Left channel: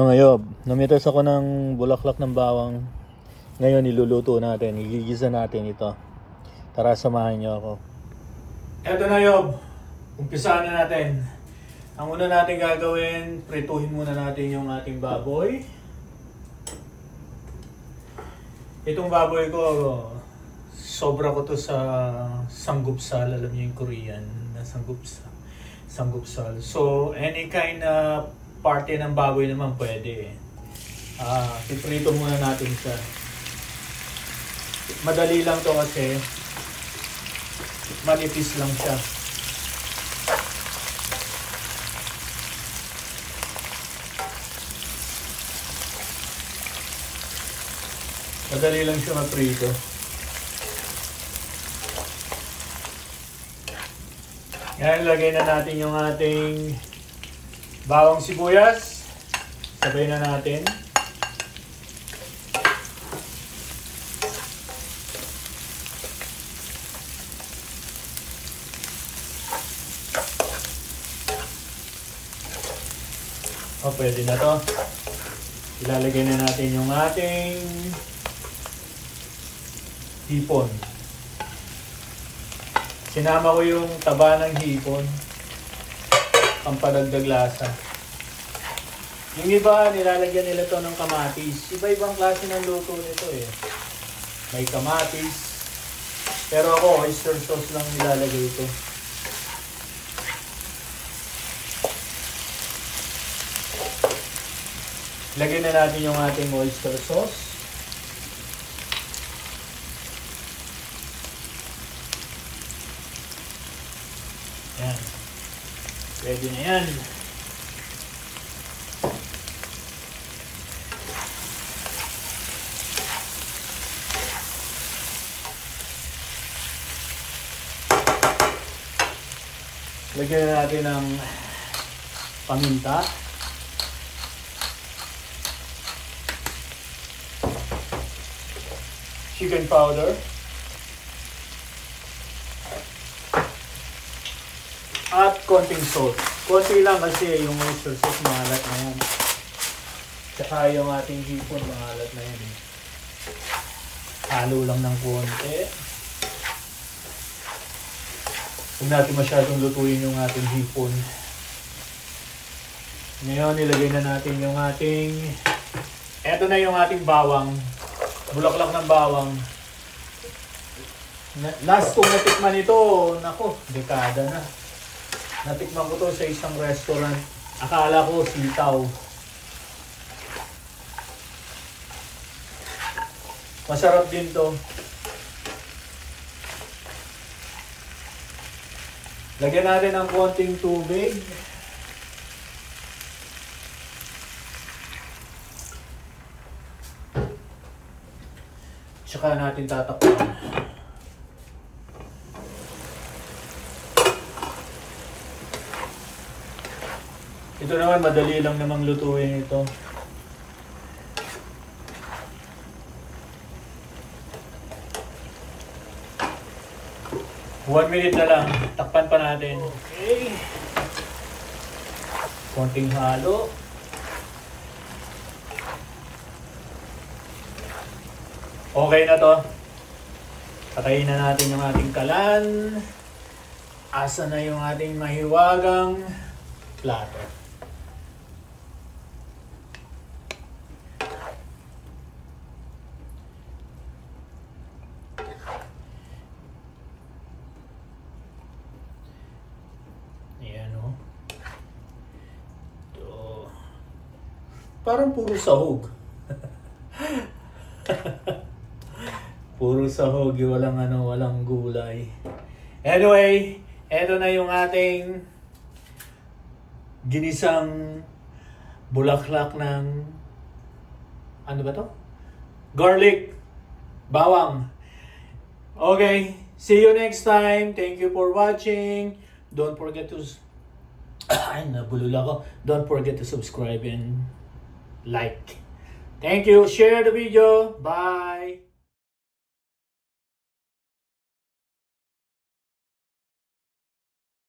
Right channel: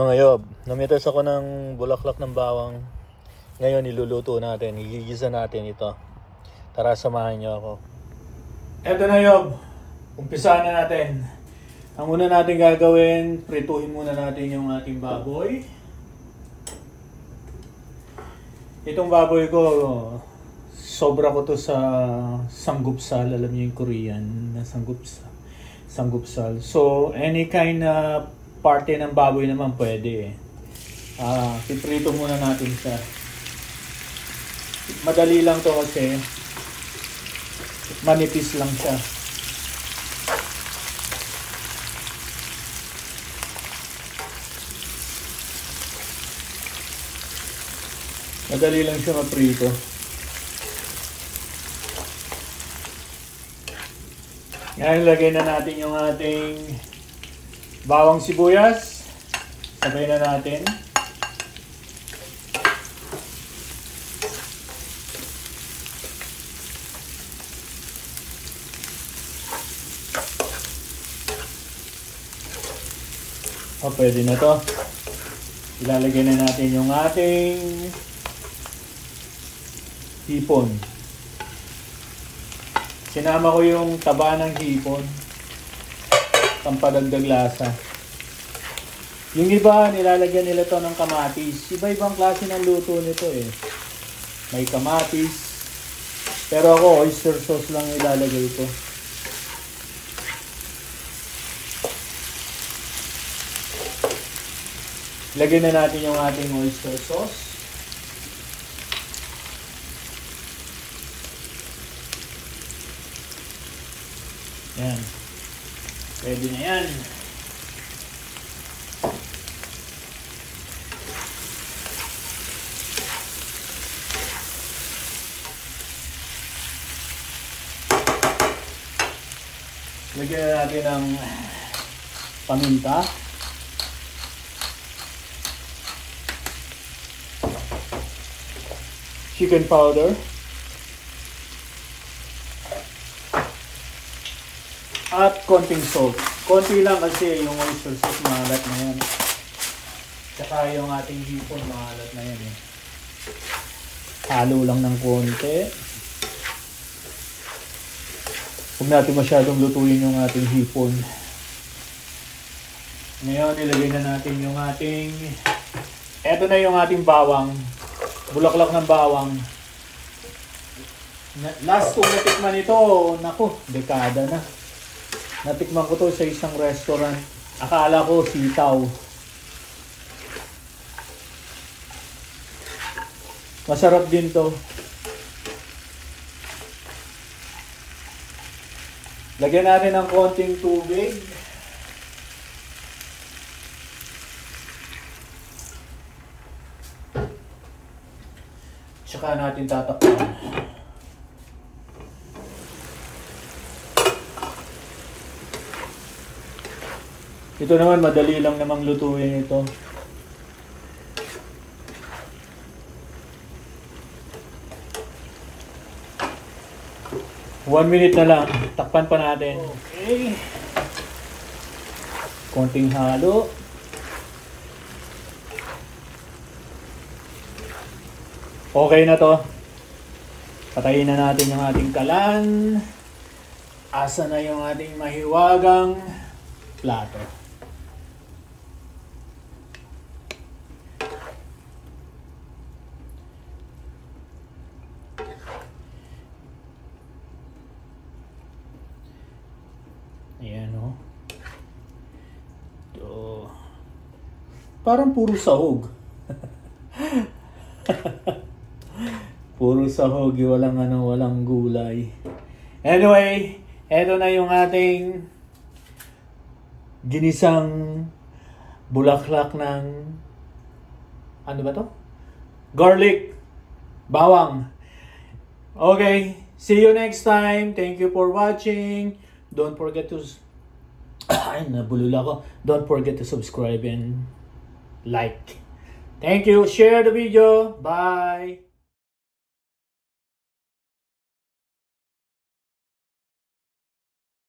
Mga yob, namitas ako ng bulaklak ng bawang. Ngayon niluluto natin, igigisa natin ito. Tara, samahan niyo ako. Eto na yob, umpisahan na natin. Ang una natin gagawin, prituhin muna natin yung ating baboy. Itong baboy ko, sobra ko to sa sanggupsal. Alam niyo yung Korean na sanggupsal. So, any kind na parte ng baboy naman pwede. Piprito muna natin siya. Madali lang to kasi manipis lang siya. Madali lang siya maprito. Ngayon, lagay na natin yung ating bawang sibuyas. Sabay na natin. Pwede na to. Ilalagay na natin yung ating hipon. Sinama ko yung taba ng hipon. Pampadagdag lasa. Yung iba, nilalagyan nila to ng kamatis. Iba-ibang klase ng luto nito eh. May kamatis. Pero ako, oyster sauce lang ilalagay ko. Lagyan na natin yung ating oyster sauce. Ayan. Ready na yan. Lagyan na natin ng paminta. Chicken powder. At konting salt. Konti lang kasi yung oyster sauce mahalat na yan. Tsaka yung ating hipon mahalat na yan. Halo lang ng konti. Huwag natin masyadong lutuin yung ating hipon. Ngayon, nilagay na natin yung ating... Eto na yung ating bawang. Bulaklak ng bawang. Last kong natikman ito, naku, dekada na. Natikman ko to sa isang restaurant. Akala ko sitaw. Masarap din to. Lagyan natin ng konting tubig. Tsaka natin tatakpan. Ito naman, madali lang namang lutuin ito. One minute na lang. Takpan pa natin. Okay. Konting halo. Okay na to. Patayin na natin yung ating kalan. Asa na yung ating mahiwagang plato. Ayan o. Ito. Parang puro sahog. Puro sahog, walang gulay. Anyway, eto na yung ating ginisang bulaklak ng ano ba to? Garlic, bawang. Okay, see you next time. Thank you for watching. Don't forget to ay, nabulol ako. Don't forget to subscribe and like. Thank you. Share the video. Bye.